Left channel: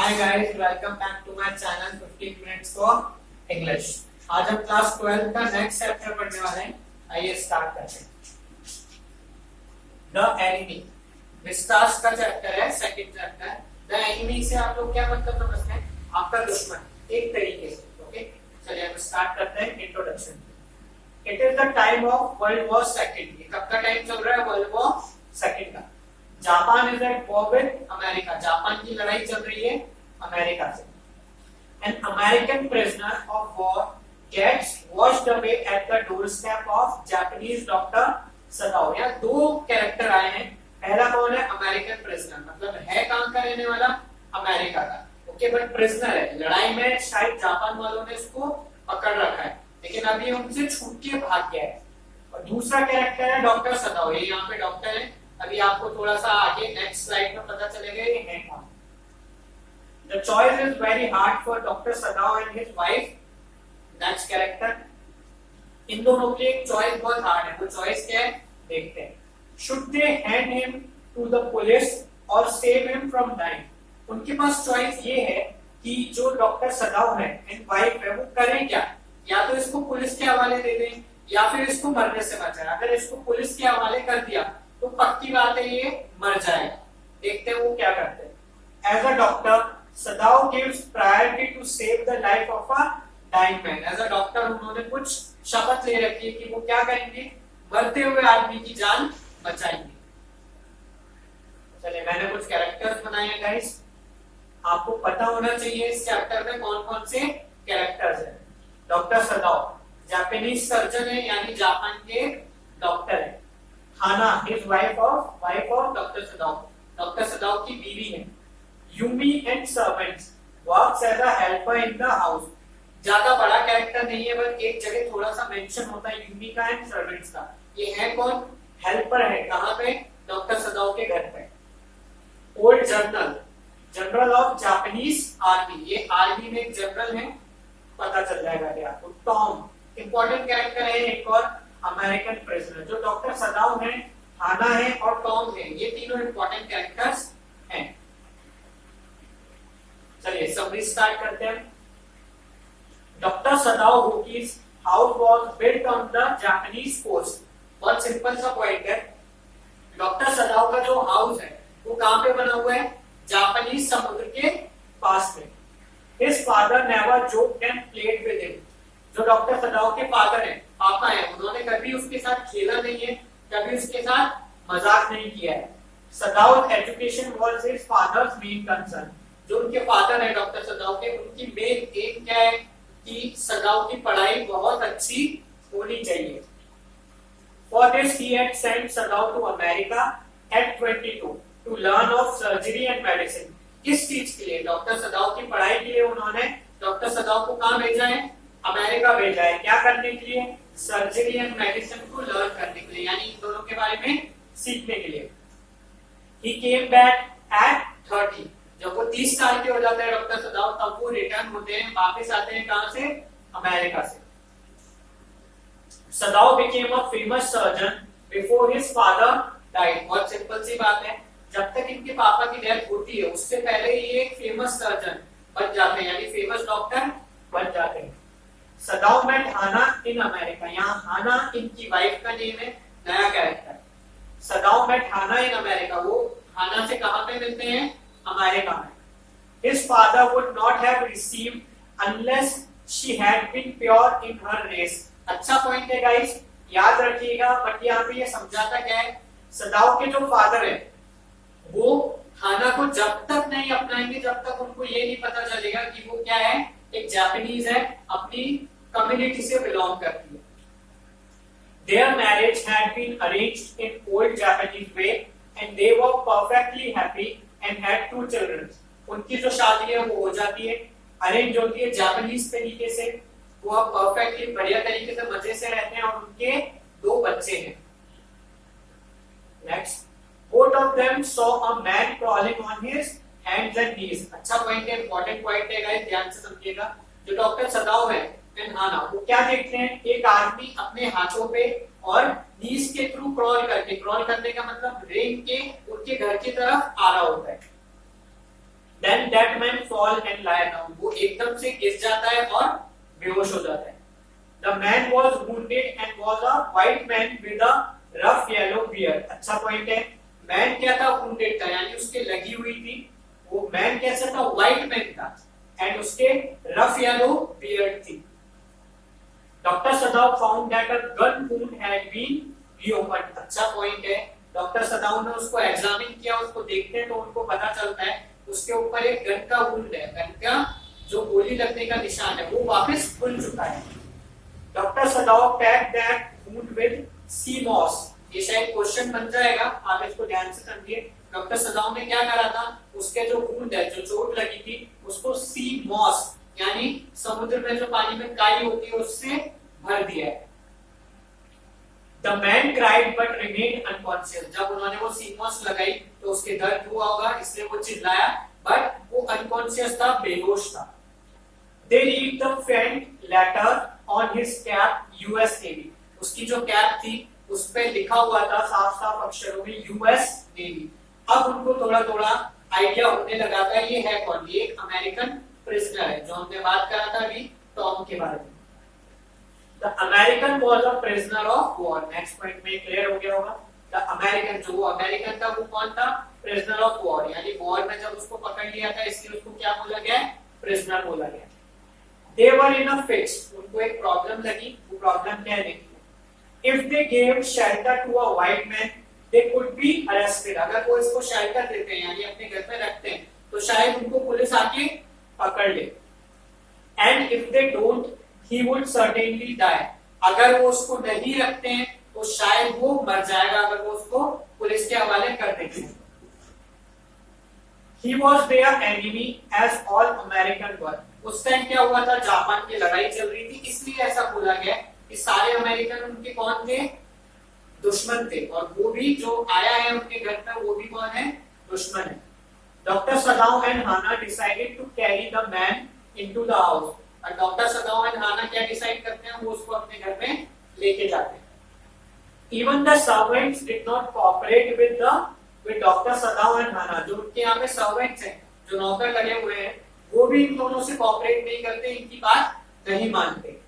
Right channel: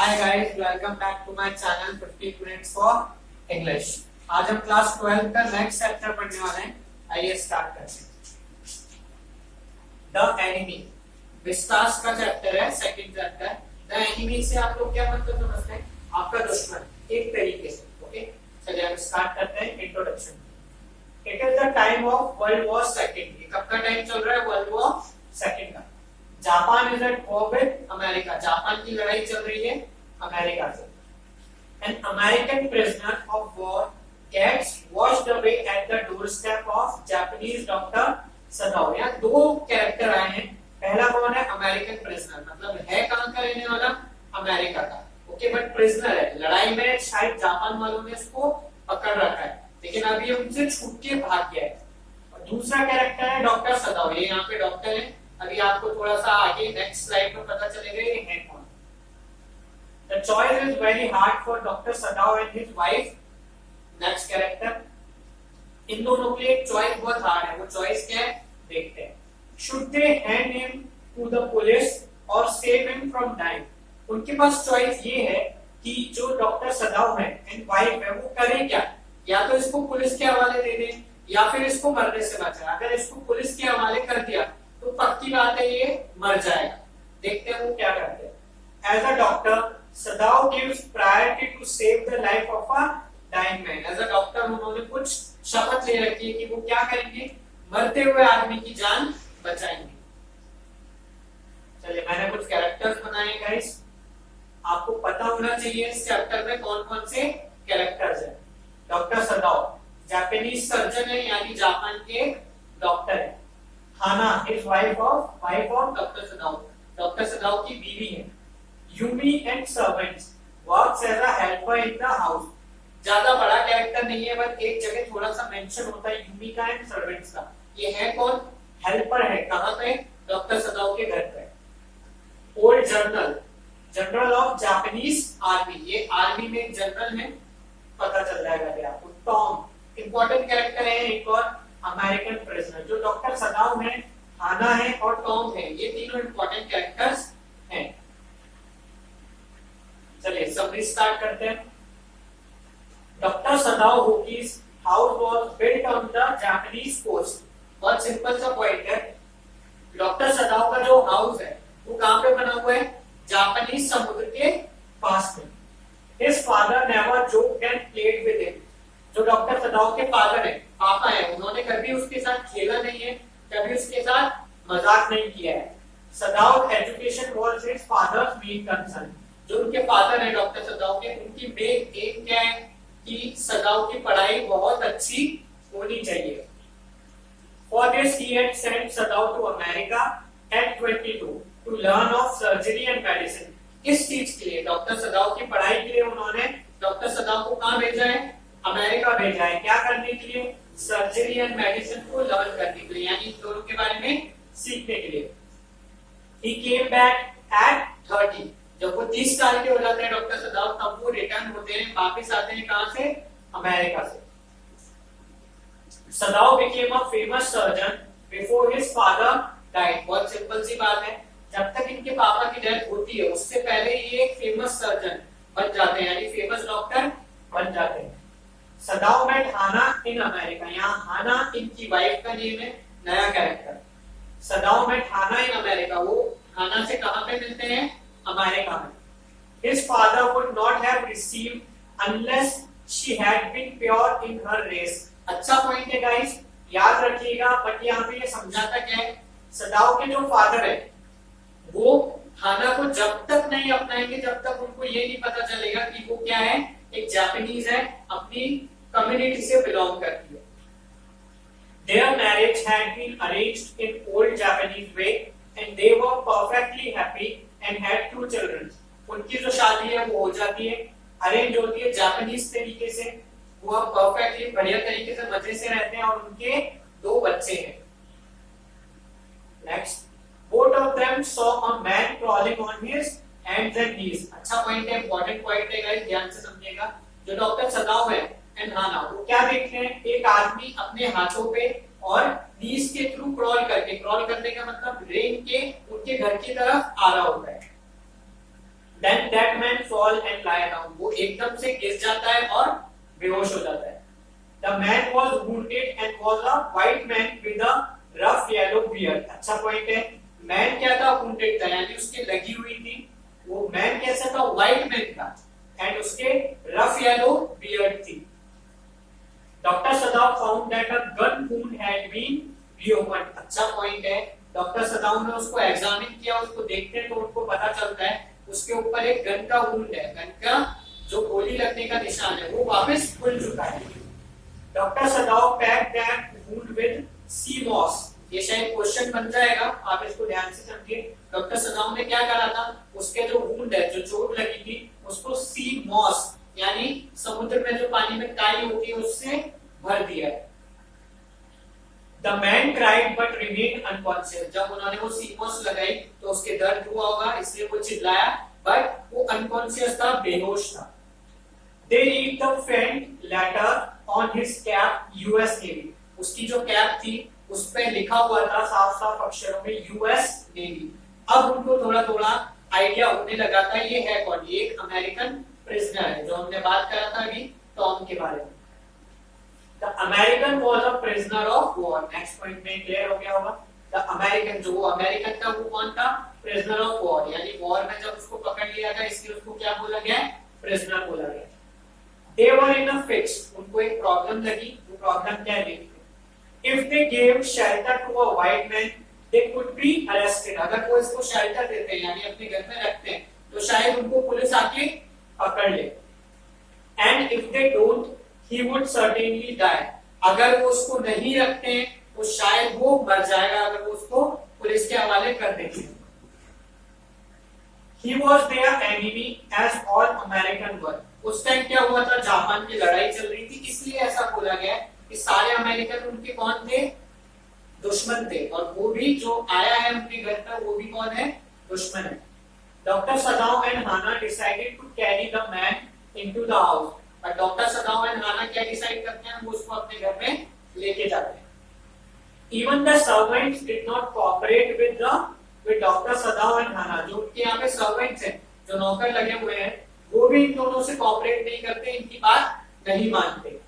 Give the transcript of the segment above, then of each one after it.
Hi guys, welcome back to my channel 15 minutes for English. आज हम class 12 का next chapter पढ़ने वाले हैं। आइए स्टार्ट करते हैं। द एनिमी विस्तास का चैप्टर है, सेकंड चैप्टर। द एनिमी से आप लोग क्या मतलब समझते हैं? आपका दुश्मन, एक तरीके से। ओके, चलिए हम स्टार्ट करते हैं। Introduction. It is the time of world war second. कब का टाइम चल रहा है? वर्ल्ड वॉर सेकंड का। Japan is at war with America. Japan की लड़ाई चल रही है अमेरिका से। An American prisoner of war gets washed away at the doorstep of Japanese doctor Sadao. यहाँ दो कैरेक्टर आए हैं। पहला कौन है? अमेरिकन प्रिजनर, मतलब है कहां का रहने वाला? अमेरिका का। ओके, बट प्रिजनर है। लड़ाई में शायद जापान वालों ने इसको पकड़ रखा है, लेकिन अभी उनसे छूट के भाग गया है। और दूसरा कैरेक्टर है डॉक्टर सदाओ। ये यहाँ पे डॉक्टर है। अभी आपको थोड़ा सा आगे नेक्स्ट स्लाइड में पता चलेगा ये है कौन। The choice is very hard for Dr. Sadao and his wife. Next character. इन दोनों के लिए चॉइस बहुत हार्ड है। वो चॉइस क्या है देखते हैं। Should they hand him to the police or save him from dying? उनके पास चॉइस ये है कि जो डॉक्टर सदाओ है एंड वाइफ है वो करें क्या? या तो इसको पुलिस के हवाले दे दें या फिर इसको मरने से बचाएं। अगर इसको पुलिस के हवाले कर दिया तो पक्की बात है ये मर जाएगा। देखते हैं वो क्या करते हैं। As a doctor Sadao gives priority to save the life of a dying man. As a doctor उन्होंने कुछ शपथ ले रखी है कि वो क्या करेंगे? मरते हुए आदमी की जान बचाएंगे। चलिए, मैंने कुछ कैरेक्टर्स बनाए गाइस। आपको पता होना चाहिए इस चैप्टर में कौन कौन से कैरेक्टर्स हैं। डॉक्टर सदाओ जापानीज सर्जन है, यानी जापान के डॉक्टर है। Hana is wife of doctor Sadao, doctor Sadao की बीवी है। Yumi and servants works as a helper in the house. ज्यादा बड़ा कैरेक्टर नहीं है, बट एक जगह थोड़ा सा मेंशन होता है यूमी का एंड सर्वेंट्स का। ये है कौन? हेल्पर है। कहां पे? डॉक्टर सदाओ के घर पे। Old general, general of Japanese army. ये आर्मी में एक जनरल है, पता चल जाएगा आपको। टॉम इंपॉर्टेंट कैरेक्टर है एक और। American prisoner. जो डॉक्टर सदाओ है, हाना है और टॉम है, ये तीनों इंपॉर्टेंट कैरेक्टर्स हैं। चलिए समरी स्टार्ट करते हैं। Doctor Sadao Hoki's house was built on the Japanese coast. बहुत सिंपल सा पॉइंट है। डॉक्टर सदाओ का जो हाउस है वो कहां पे बना हुआ है? जापानीज समुद्र के पास में। His father never joked and played with him. जो डॉक्टर सदाओ के फादर है, पापा है, उन्होंने कभी उसके साथ खेला नहीं है, कभी उसके साथ मजाक नहीं किया है। Sadao education was his father's main concern. जो उनके फादर है डॉक्टर सदाओ के, उनकी मेन एम क्या है कि सदाओ की पढ़ाई बहुत अच्छी होनी चाहिए। For this he had sent Sadao to America at 22 to learn of surgery and medicine. किस चीज के लिए? डॉक्टर सदाओ की पढ़ाई के लिए उन्होंने डॉक्टर सदाओ को कहां भेजा है? अमेरिका भेजा है। क्या करने के लिए? सर्जरी एंड मेडिसिन को लर्न करने के लिए, यानी इन दोनों के बारे में सीखने के लिए। He came back at 30। जब वो 30 साल के हो जाते हैं डॉक्टर सदाओ, तब वो रिटर्न होते हैं, वापिस आते हैं कहां से? अमेरिका से। सदाओ became a famous surgeon before his father died। बहुत सिंपल सी बात है। जब तक इनके पापा की डेथ होती है उससे पहले ये एक फेमस सर्जन बन जाते हैं, यानी फेमस डॉक्टर बन जाते हैं। Sadao met Hana in America. यहाँ हाना इनकी वाइफ का नेम है, नया character. Sadao met Hana in America. वो हाना से कहां पे मिलते हैं? अमेरिका में। His father would not have received unless she had been pure in her race। अच्छा पॉइंट है गाइस, याद रखिएगा। बट यहाँ पे ये समझाता क्या है? सदाओ के जो फादर है वो हाना को जब तक नहीं अपनाएंगे जब तक उनको ये नहीं पता चलेगा कि वो क्या है, एक जापानीज है, अपनी कम्युनिटी से बिलोंग करती है। Their marriage had been arranged in old Japanese way and they were perfectly happy and had 2 children। उनकी जो शादी है वो हो जाती है, अरेंज होती है जापानीज तरीके से। वो परफेक्टली बढ़िया तरीके से मजे से रहते हैं और उनके 2 बच्चे हैं। Next, both of them saw a man crawling on his hands and knees। अच्छा पॉइंट है, इंपॉर्टेंट पॉइंट है गाइस, ध्यान से समझिएगा। जो डॉक्टर सदाओ है एंड हाना, वो क्या देखते हैं? एक आदमी अपने हाथों पे और नीज के थ्रू क्रॉल करके, क्रॉल करने का मतलब रेंग के उनके घर की तरफ आ रहा होता है। Then that man saw fall and lie down. वो एकदम से गिर जाता है और बेहोश हो जाता है. The man was wounded and was a white man with a rough yellow beard. अच्छा पॉइंट है. मैन क्या था? wounded था, यानी उसके लगी हुई थी. वो मैन कैसा था? व्हाइट मैन था एंड उसके रफ येलो बियर्ड थी. Doctor Sadao found that a gun wound had been reopened. अच्छा पॉइंट है. डॉक्टर सदाव ने उसको एग्जामिन किया, उसको देखते हैं तो उनको पता चलता है उसके ऊपर एक गन का वुंड है, गन का जो गोली लगने का निशान है वो वापस खुल चुका है. Doctor Sadao packed that wound with sea moss. ये शायद क्वेश्चन बन जाएगा, आप इसको ध्यान से समझिए. डॉक्टर सदाव ने क्या करा था? उसके जो वुंड है, जो चोट लगी थी, उसको सी मॉस यानी समुद्र में जो पानी में काई होती है उससे भर दिया है. The man cried but remained unconscious. जब उन्होंने वो सी मॉस लगाई तो उसके दर्द हुआ होगा, इसलिए वो चिल्लाया, बट वो अनकॉन्शियस था, बेहोश था. They read the faint letter on his cap, US Navy. उसकी जो कैप थी उस पे लिखा हुआ था साफ साफ अक्षरों में US Navy. अब उनको थोड़ा थोड़ा आइडिया होने लगा था ये है कौन. ये एक अमेरिकन प्रिजनर है, जो हमने बात करा था अभी टॉम के बारे में. The American was a prisoner of war. Next point में क्लियर हो गया होगा. The American, जो वो अमेरिकन था वो कौन था? Prisoner of war. यानी वॉर में जब उसको पकड़ लिया था इसलिए उसको क्या बोला गया? Prisoner बोला गया. They were in a fix. उनको एक प्रॉब्लम लगी. वो प्रॉब्लम क्या है देखिए. If they gave shelter to a white man, they could be arrested. अगर वो इसको शेल्टर देते हैं यानी अपने घर में रखते हैं तो शायद उनको पुलिस आके पकड़ ले. And if they don't, he would certainly die. अगर वो उसको नहीं रखते हैं तो शायद वो मर जाएगा अगर वो उसको पुलिस के हवाले कर देते हैं. He was their enemy as all American were. उस टाइम क्या हुआ था? जापान की लड़ाई चल रही थी, इसलिए ऐसा बोला गया कि सारे अमेरिकन उनके कौन थे? दुश्मन थे. और वो भी जो आया है उनके घर पर वो भी कौन है? दुश्मन है. Doctor Sadao and Hana decided to carry the man into the house. और डॉक्टर सदाव एंड हाना क्या डिसाइड करते हैं? वो उसको अपने घर में लेके जाते हैं. Even the servants did not cooperate with doctor Sadao and Hana. जो उनके यहाँ पे सर्वेंट्स हैं, जो नौकर लगे हुए हैं, वो भी इन दोनों से कोऑपरेट नहीं करते, इनकी बात नहीं मानते.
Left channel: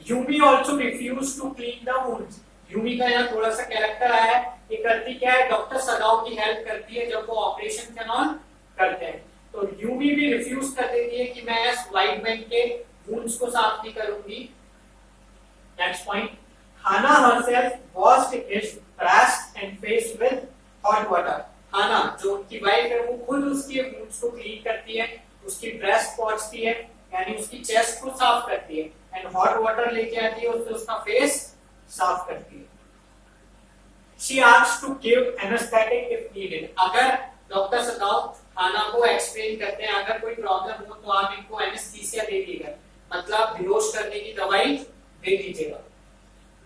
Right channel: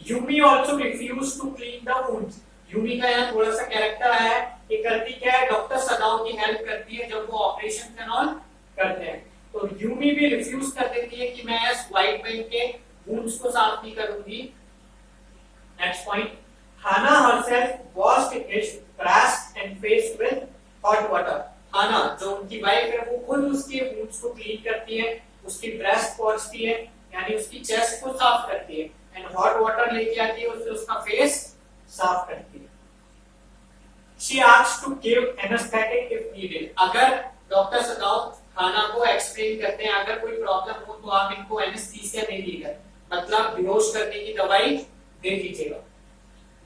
Yumi also refuse to clean the wounds. Yumi का यहाँ थोड़ा सा कैरेक्टर आया है. ये करती क्या है? डॉक्टर सदाव की हेल्प करती है जब वो ऑपरेशन एंड ऑल करते हैं. तो यूमी भी रिफ्यूज कर देती है कि मैं इस व्हाइट मैन के वुंड्स को साफ नहीं करूंगी. Next point. Hana herself washed his breast and face with hot water. Hana जो उनकी वाइफ है वो खुद उसके वुंड्स को क्लीन करती है, उसकी ब्रेस्ट पोंछती है यानी उसकी चेस्ट को साफ करती है एंड हॉट वाटर लेके आती है, उससे उसका फेस साफ करती है. She asked to give anaesthetic if needed. अगर डॉक्टर सदाव खाना को एक्सप्लेन करते हैं अगर कोई प्रॉब्लम हो तो आप इनको एनेस्थीसिया दे दीजिएगा, मतलब बेहोश करने की दवाई दे दीजिएगा.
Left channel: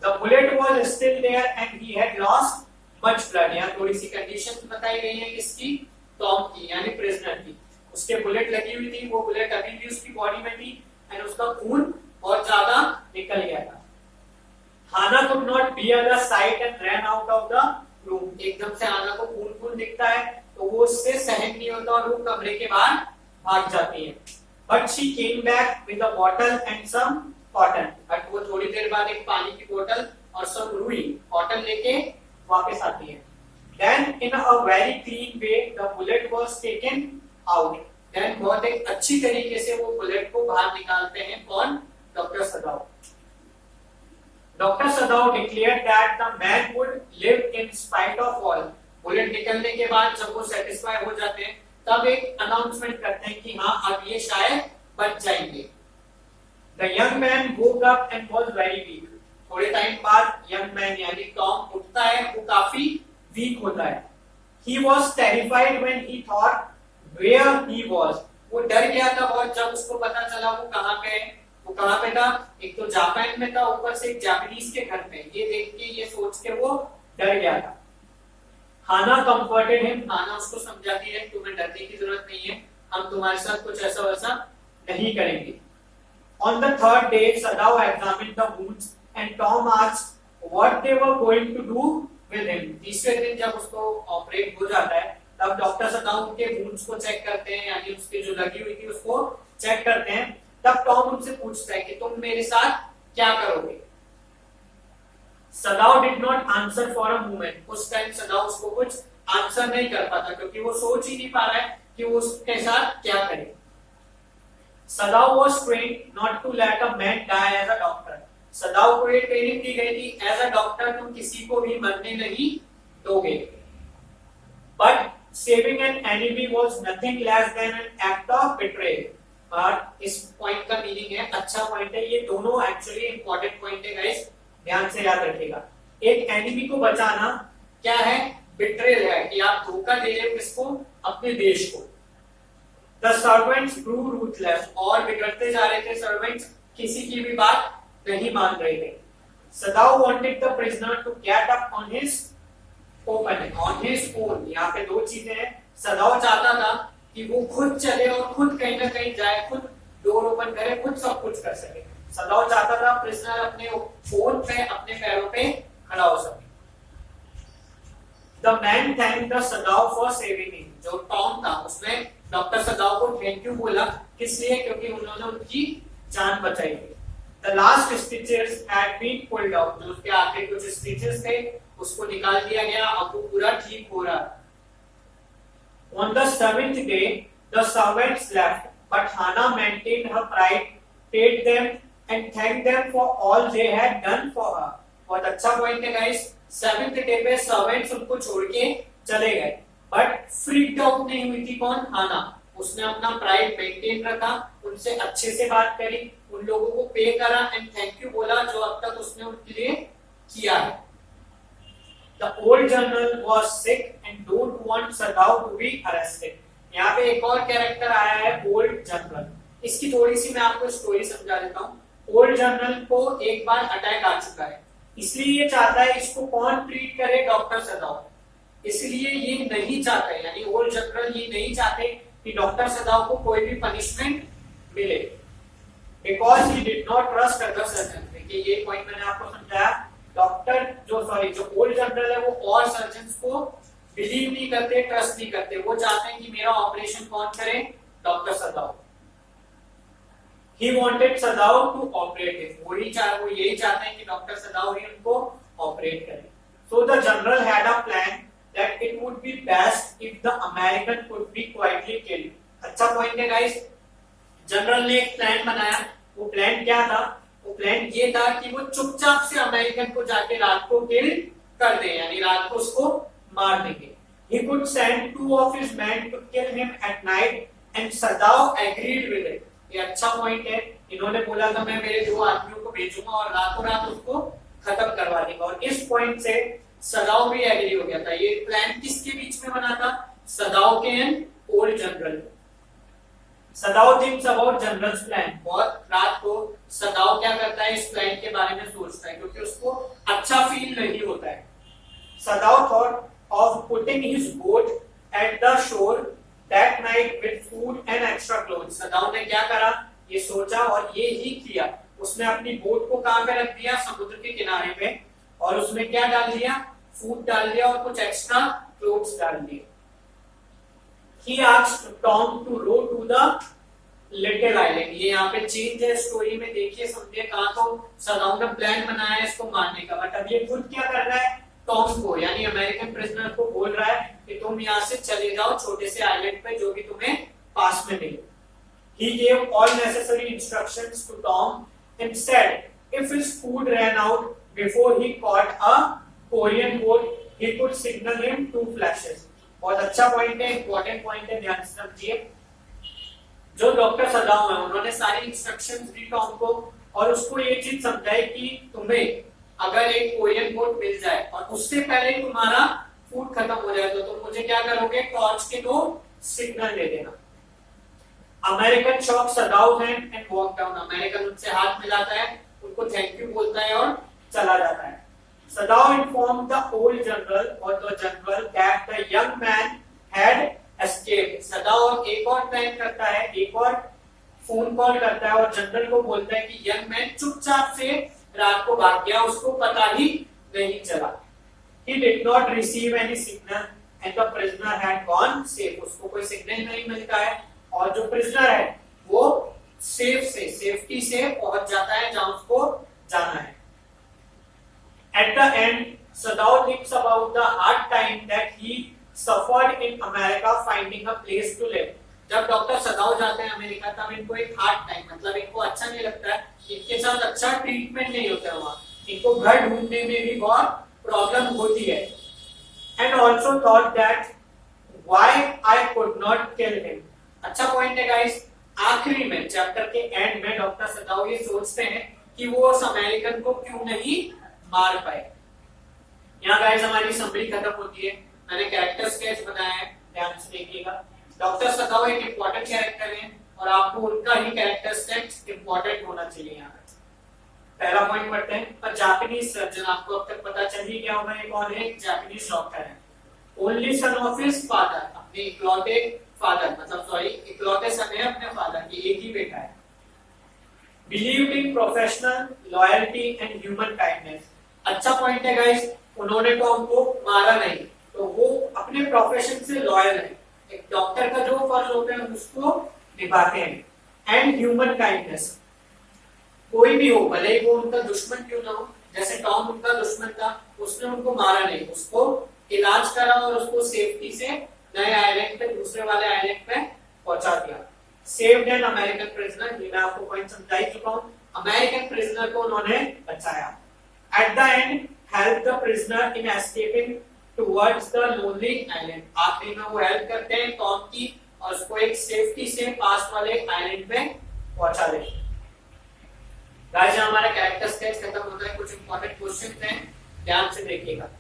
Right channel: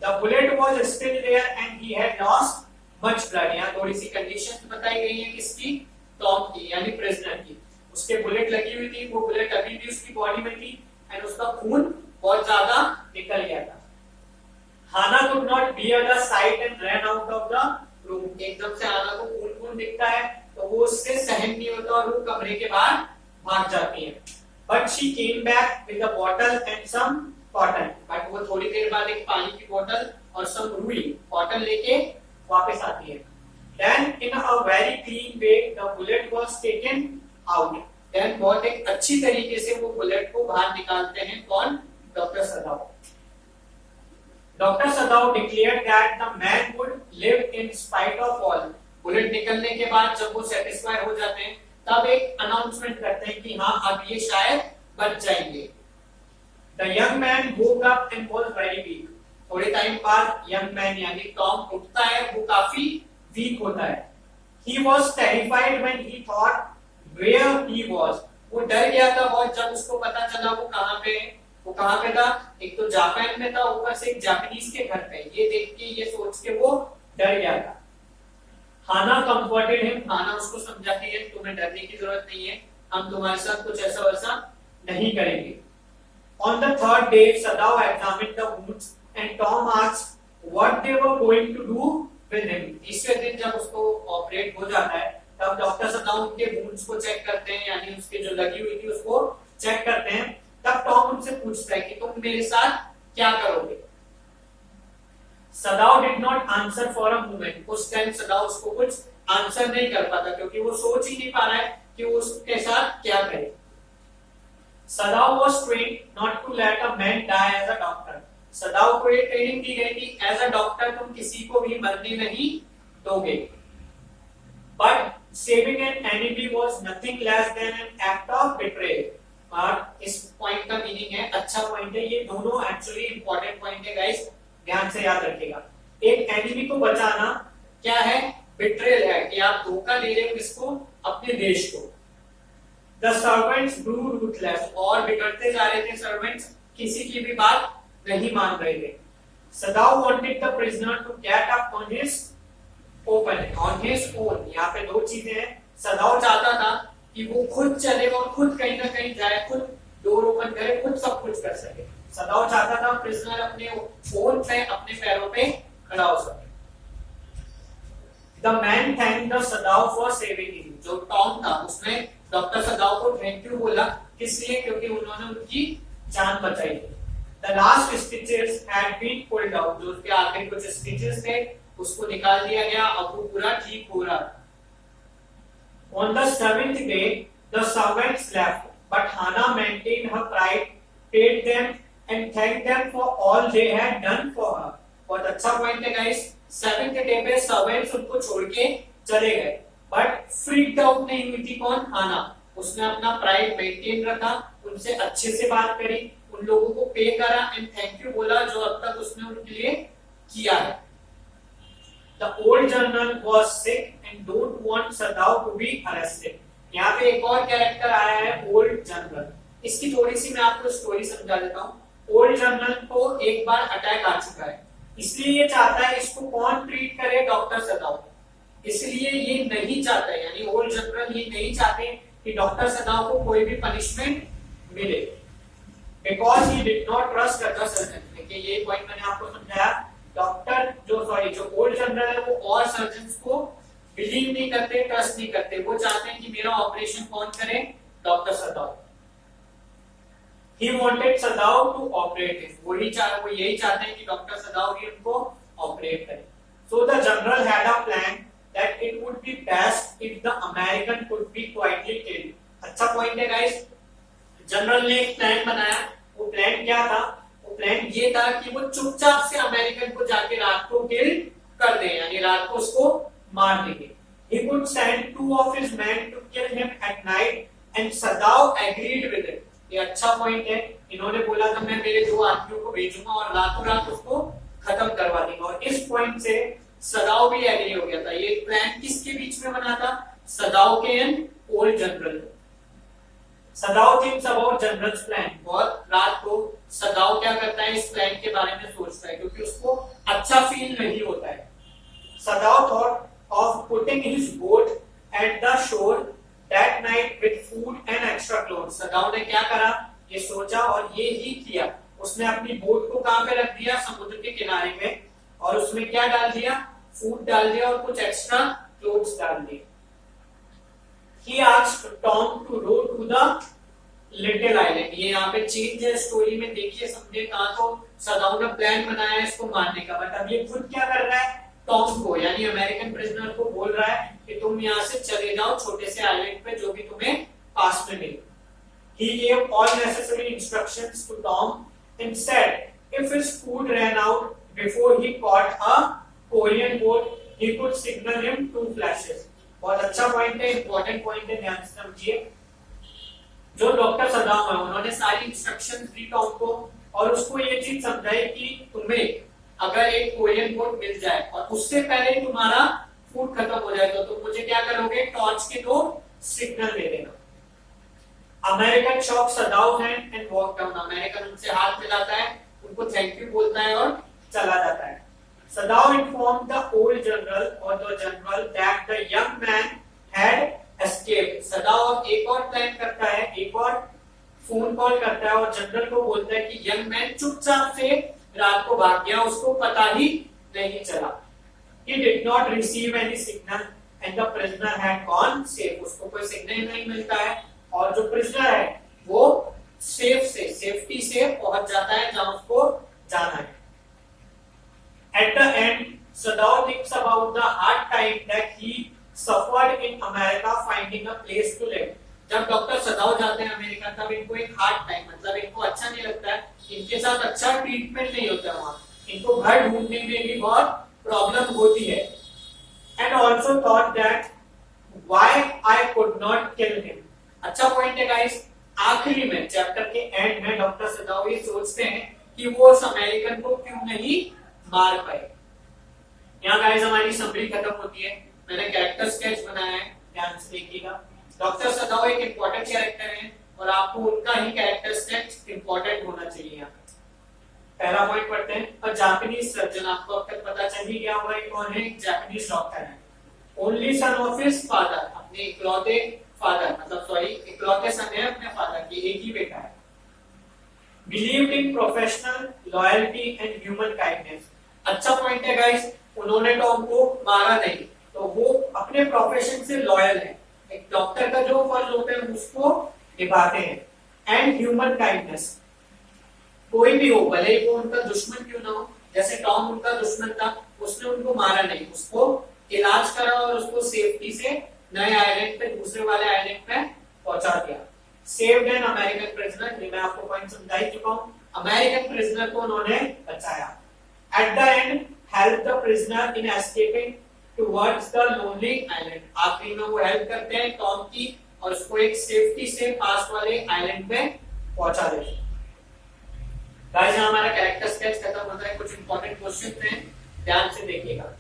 The bullet was still there and he had lost much blood. यहाँ थोड़ी सी कंडीशन बताई गई है किसकी? टॉम की यानी प्रिजनर की. उसके बुलेट लगी हुई थी, वो बुलेट अभी भी उसकी बॉडी में थी एंड उसका खून बहुत ज्यादा निकल गया था. Hana could not bear the sight and ran out of the room. एकदम से हाना को खून दिखता है तो वो उससे सहन नहीं होता और वो कमरे के बाहर भाग जाती है. But she came back with a bottle and some cotton. But वो थोड़ी देर बाद एक पानी की बोतल और सम रुई कॉटन लेके वापस आती है. Then in a very clean way the bullet was taken out. Then बहुत एक अच्छी तरीके से वो बुलेट को बाहर निकालते हैं. कौन? Doctor सदाव. Doctor सदाव declared that the man would live in spite of all. Bullet निकलने के बाद जब वो सेटिस्फाई हो जाते हैं तब एक अनाउंसमेंट करते हैं कि हाँ अब ये शायद बच जाएंगे. The young man woke up and was very weak. थोड़े टाइम बाद यंग मैन यानी टॉम उठता है, वो काफी वीक होता है. He was terrified when he thought where he was. वो डर गया था बहुत जब उसको पता चला वो कहाँ पे है. वो कहाँ पे था? एक तो जापान में था, ऊपर से एक जापानीज के घर पे. ये देख के ये सोच के वो डर गया था. हाना कंफर्टेड हिम. हाना उसको समझाती है तुम्हें डरने की जरूरत नहीं है, हम तुम्हारे साथ कुछ ऐसा वैसा नहीं करेंगे. On the third day, Sadao examined the wounds and Tom asked what they were going to do with him. तीसरे दिन जब उसको ऑपरेट हो जाता है तब डॉक्टर सदाओ उनके वुंड्स को चेक करते हैं, यानी उसके जो लगी हुई थी उसको चेक करते हैं। तब टॉम उनसे पूछता है कि तुम मेरे साथ क्या करोगे। Sadao did not answer for a moment. उस टाइम सदाओ उसको कुछ आंसर नहीं कर पाता, क्योंकि वो सोच ही नहीं पा रहा है कि वो उसके साथ क्या करे। Sadao was trained not to let a man die as a doctor. Sadao को ये ट्रेनिंग दी गई थी, एज अ डॉक्टर तुम किसी को भी मरने नहीं दोगे। But saving an enemy was nothing less than an act of betrayal. और इस पॉइंट का मीनिंग है, अच्छा पॉइंट है, ये दोनों एक्चुअली इंपॉर्टेंट पॉइंट है गाइस, ध्यान से याद रखिएगा। एक एनिमी को बचाना क्या है, बिट्रेयल है, कि आप धोखा दे रहे हो किसको, अपने देश को। द सर्वेंट्स ग्रू रूथलेस, और बिगड़ते जा रहे थे सर्वेंट्स, किसी की भी बात नहीं मान रहे थे। Sadao wanted the prisoner to get up on his own. यहाँ पे दो चीजें हैं। सदाओ चाहता था कि वो खुद चले और खुद कहीं ना कहीं जाए, खुद डोर ओपन करे, खुद सब कुछ कर सके। सदाओ चाहता था प्रिजनर अपने ओन पे, अपने पैरों पे खड़ा हो सके। The man thank the Sadao for saving him. जो टॉम था उसने डॉक्टर सदाओ को थैंक यू बोला, किस लिए, क्योंकि उन्होंने उनकी जान बचाई थी। The last stitches had been pulled out. जो उसके आखिरी कुछ स्टिचेस थे उसको निकाल दिया गया, अब वो पूरा ठीक हो रहा। On the seventh day, the servants left, but Hannah maintained her pride, paid them, and thanked them for all they had done for her. बहुत अच्छा पॉइंट है गाइस। सेवेंथ डे पे सर्वेंट्स उनको छोड़ के चले गए, बट फ्रीड आउट नहीं हुई थी कौन, हाना। उसने अपना प्राइड मेंटेन रखा, उनसे अच्छे से बात करी, उन लोगों को पे करा एंड थैंक यू बोला जो अब तक उसने उनके लिए किया है। The old general was sick and don't want Sadao to be arrested. यहाँ पे एक और कैरेक्टर आया है, ओल्ड जनरल। इसकी थोड़ी सी मैं आपको स्टोरी समझा देता हूँ। ओल्ड जनरल को एक बार अटैक आ चुका है, इसलिए ये चाहता है इसको कौन ट्रीट करे, डॉक्टर सदाओ। इसलिए ये नहीं चाहता, यानी ओल्ड जनरल ये नहीं चाहते कि डॉक्टर सदाओ को कोई भी पनिशमेंट मिले, because he did not trust other surgeon. देखिए ये पॉइंट मैंने आपको समझाया। डॉक्टर जो ओल्ड जनरल है वो और सर्जन्स को बिलीव नहीं करते, ट्रस्ट नहीं करते। वो चाहते हैं कि मेरा ऑपरेशन कौन करे, doctor Sadao. He wanted Sadao to operate it. वो यही चाहते हैं कि डॉक्टर सदाओ ही उनको ऑपरेट करे। So the general had a plan that it would be best if the American could be quietly killed. अच्छा पॉइंट है गाइस। जनरल ने एक प्लान बनाया। वो प्लान क्या था? वो प्लान ये था कि वो चुपचाप से अमेरिकन को जाके रात को किल कर दे, यानी रात को उसको मार देंगे। He could send two of his men to kill him at night and Sadao agreed with it. ये अच्छा पॉइंट है। इन्होंने बोला था मैं मेरे दो आदमियों को भेजूंगा और रातों रात उसको खत्म करवा देगा, और इस पॉइंट से सदाओ भी एग्री हो गया था। ये प्लान किसके बीच में बना था? सदाओ के and old general. Sadao thinks about generals plan. बहुत रात को सदाओ क्या करता है, इस प्लान के बारे में सोचता है, क्योंकि उसको अच्छा फील नहीं होता है। Sadao thought of putting his boat at the shore that night with food and extra clothes. Sadao ने क्या करा, ये सोचा और ये ही किया। उसने अपनी बोट को कहां पे रख दिया? समुद्र के किनारे पे, और उसमें क्या डाल दिया? फूड डाल दिया और कुछ एक्स्ट्रा क्लोथ्स डाल दिए। He asked Tom to row to the little island. ये यहाँ पे चेंज है स्टोरी में, देखिए समझिए। कहा तो सदाओ ने प्लान बनाया है इसको मारने का, बट अब ये खुद क्या कर रहा है? टॉम को, यानी अमेरिकन प्रिजनर को बोल रहा है कि तुम यहाँ से चले जाओ छोटे से आइलैंड पे, जो भी तुम्हें पास में मिले। He gave all necessary instructions to Tom and said if his food ran out before he caught a Korean boat, he could signal him two flashes. बहुत अच्छा पॉइंट है, इंपॉर्टेंट पॉइंट है, ध्यान से समझिए। जो डॉक्टर सदाओ है उन्होंने सारी इंस्ट्रक्शंस दी टॉम को, और उसको ये चीज समझाई कि तुम्हें अगर एक कोरियन बोट मिल जाए और उससे पहले तुम्हारा फूड खत्म हो जाए तो तुम मुझे क्या करोगे? टॉर्च के दो सिग्नल दे देना। American shock Sadao hand and walk down. American उनसे हाथ मिलाता है, उनको थैंक यू बोलता है और चला जाता है। Sadao inform the old general और the general that the young man had escaped. Sadao एक और प्लान करता है, एक और फोन कॉल करता है और जनरल को बोलता है कि यंग मैन चुपचाप से रात को भाग गया, उसको पता ही नहीं चला। He did not receive any signal and the prisoner had gone safe, उसको कोई सिग्नल नहीं मिलता है और जो प्रिजनर है वो सेफ्टी से पहुंच जाता है जहां उसको जाना है। At the end Sadao thinks about the hard time that he suffered in America finding a place to live. जब डॉक्टर सदाव जाते हैं अमेरिका तब इनको एक हार्ड टाइम, मतलब इनको अच्छा नहीं लगता है, इनके साथ अच्छा ट्रीटमेंट नहीं होता है वहां, इनको घर ढूंढने में भी बहुत प्रॉब्लम होती है। And also thought that why I could not kill him. अच्छा पॉइंट है गाइस, आखिरी में चैप्टर के एंड में डॉक्टर सदाव ये सोचते हैं कि वो उस अमेरिकन को क्यों नहीं मार पाए। यहाँ गाइस हमारी समरी खत्म होती है। मैंने कैरेक्टर स्केच बनाया है, ध्यान से देखिएगा। डॉक्टर सदाव एक इंपॉर्टेंट कैरेक्टर है और आपको उनका ही कैरेक्टर स्केच इंपॉर्टेंट होना चाहिए। यहाँ पहला पॉइंट पढ़ते हैं। पर जापानीज सर्जन, आपको अब तक पता चल ही गया होगा ये कौन है, जापानीज डॉक्टर है। Only son of his father, अपने इकलौते फादर, मतलब सॉरी इकलौते सन है अपने फादर की, एक ही बेटा है। Believed in professional loyalty and human kindness. अच्छा पॉइंट है गाइस, उन्होंने टॉम को मारा नहीं, तो वो अपने प्रोफेशन से लॉयल है, एक डॉक्टर का जो फर्ज होता है उसको निभाते हैं। एंड ह्यूमन काइंडनेस, कोई भी हो, भले ही वो उनका दुश्मन क्यों ना हो, जैसे टॉम उनका दुश्मन था, उसने उनको मारा नहीं, उसको इलाज करा और उसको सेफ्टी से नए आइलैंड पे, दूसरे वाले आइलैंड पे पहुंचा दिया। सेव्ड एन अमेरिकन प्रिजनर, ये मैं आपको पॉइंट समझा ही चुका हूं, अमेरिकन प्रिजनर को उन्होंने बचाया। Eight the and help the prisoner in escaping towards the lonely island, आखिरी में वो हेल्प करते हैं टॉम की और उसको एक सेफ्टी से पास वाले आइलैंड पे पहुंचा देते हैं। गाइस हमारा कैरेक्टर स्केच खत्म होता है, कुछ इंपॉर्टेंट क्वेश्चंस हैं, ध्यान से देखिएगा।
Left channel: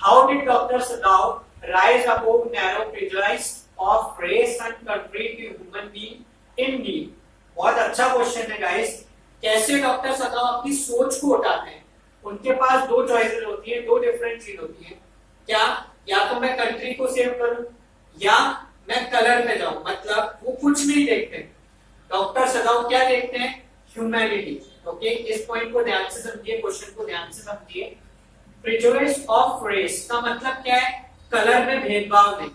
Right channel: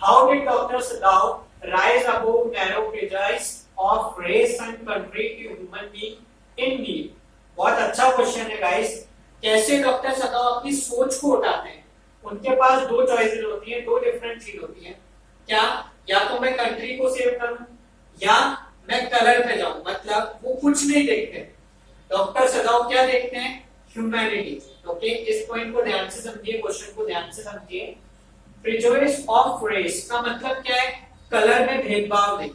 How did doctor Sadao rise above narrow prejudice of race and country to human being in need. बहुत अच्छा क्वेश्चन है गाइस, कैसे डॉक्टर सदाव अपनी सोच को उठाते हैं। उनके पास दो चॉइसेस होती है, दो डिफरेंट चीज होती है, क्या या तो मैं कंट्री को सेव करूं या मैं कलर पे जाऊं, मतलब वो कुछ नहीं देखते। डॉक्टर सदाव क्या देखते हैं, ह्यूमैनिटी। ओके, इस पॉइंट को ध्यान से समझिए, क्वेश्चन को ध्यान से समझिए। प्रेजुडिस ऑफ रेस का मतलब क्या है, कलर में भेदभाव नहीं।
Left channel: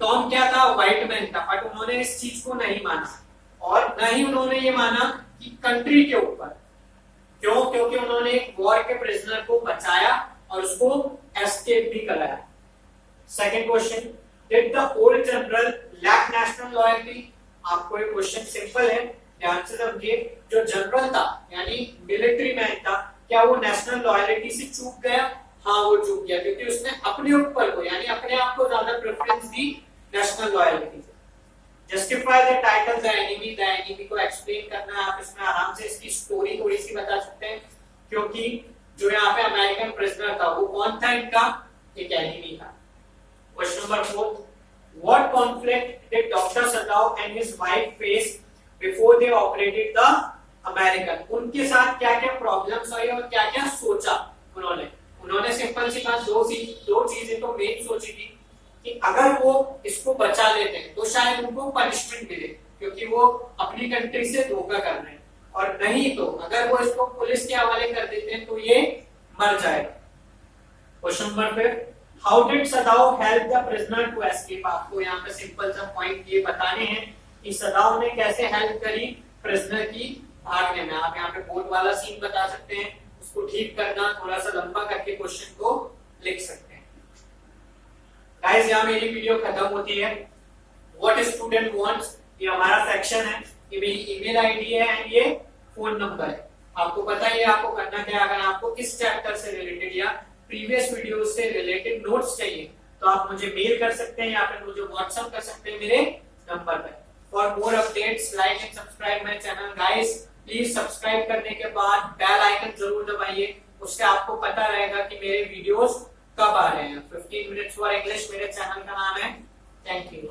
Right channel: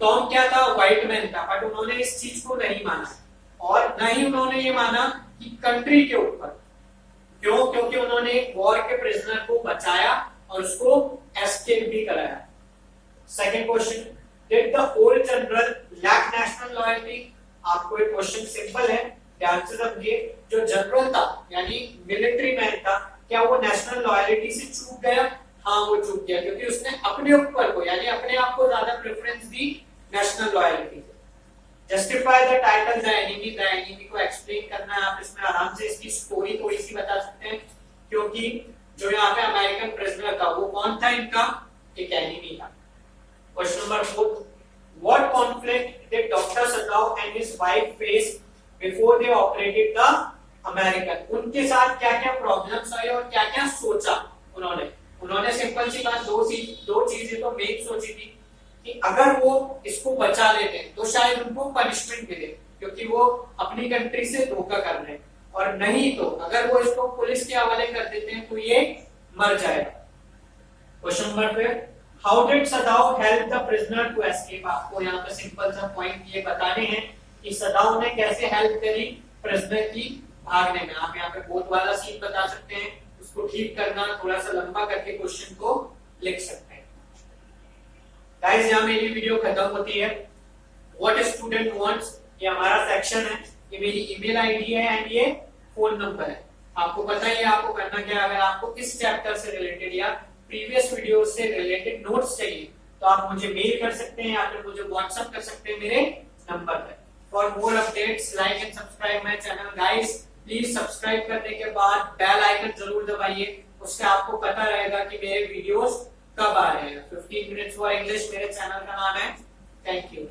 टॉम क्या था, व्हाइट मैन था, बट उन्होंने इस चीज को नहीं माना और न ही उन्होंने ये माना कि कंट्री के ऊपर। क्यों, क्योंकि उन्होंने एक वॉर के प्रिजनर को बचाया और उसको एस्केप भी कराया। Second question, did the old general lack national loyalty. आपको एक क्वेश्चन सिंपल है, ध्यान से समझिए। जो जनरल था यानी मिलिट्री मैन था, क्या वो नेशनल लॉयल्टी से चूक गया? हाँ वो चूक गया, क्योंकि उसने अपने ऊपर को यानी अपने आप को ज्यादा प्रेफरेंस दी नेशनल लॉयल्टी से। Justify the title the enemy, the enemy को एक्सप्लेन करना है, आप इसमें आराम से इसकी स्टोरी थोड़ी सी बता सकते हैं, क्योंकि जो यहाँ पे अमेरिकन प्रिजनर था वो कौन था, इनका एक एनिमी था। Question number 4, what conflict did doctor Sadao and his wife face before they operated the American. उनके साथ क्या क्या प्रॉब्लम्स आई और क्या क्या सोचा उन्होंने सिंपल सी बात, दो चीजें तो मेन सोची थी कि अगर वो इसको बचा लेते हैं तो शायद उनको पनिशमेंट मिले, क्योंकि वो अपनी कंट्री से धोखा कर रहे हैं, और नहीं तो अगर वो इसको पुलिस के हवाले कर देते हैं तो ये मर जाएगा। Question number 5, how did Sadao help the prisoner to escape. आपको यहाँ पे सिंपल सा पॉइंट ये बताने हैं कि सदाव ने कैसे हेल्प करी प्रिजनर की भागने में। आप यहाँ पे बोर्ड वाला सीन बता सकते हैं, उसको ठीक करना, थोड़ा सा लंबा करके क्वेश्चन को लिख सकते हैं। गाइस यहाँ मेरी वीडियो खत्म होती है। व्हाट स्टूडेंट वांट्स, ये हमारा सेक्शन है, ये मेरी ईमेल आईडी है एंड ये फोन नंबर है। आपको पता है आपको करना क्या है। अगर आपको इस चैप्टर से रिलेटेड या प्रीवियस वीडियो से रिलेटेड नोट्स चाहिए तो आप मुझे मेल कर सकते हैं या फिर मुझे व्हाट्सएप कर सकते हैं मेरे नंबर पे। For more updates like and subscribe my channel. Guys please subscribe करने के बाद बेल आइकन जरूर दबाइए, उससे आपको पता रहेगा कि मेरे वीडियोस कब आ रहे हैं। 15 मिनट्स फॉर इंग्लिश मेरे चैनल का नाम है। Thank you.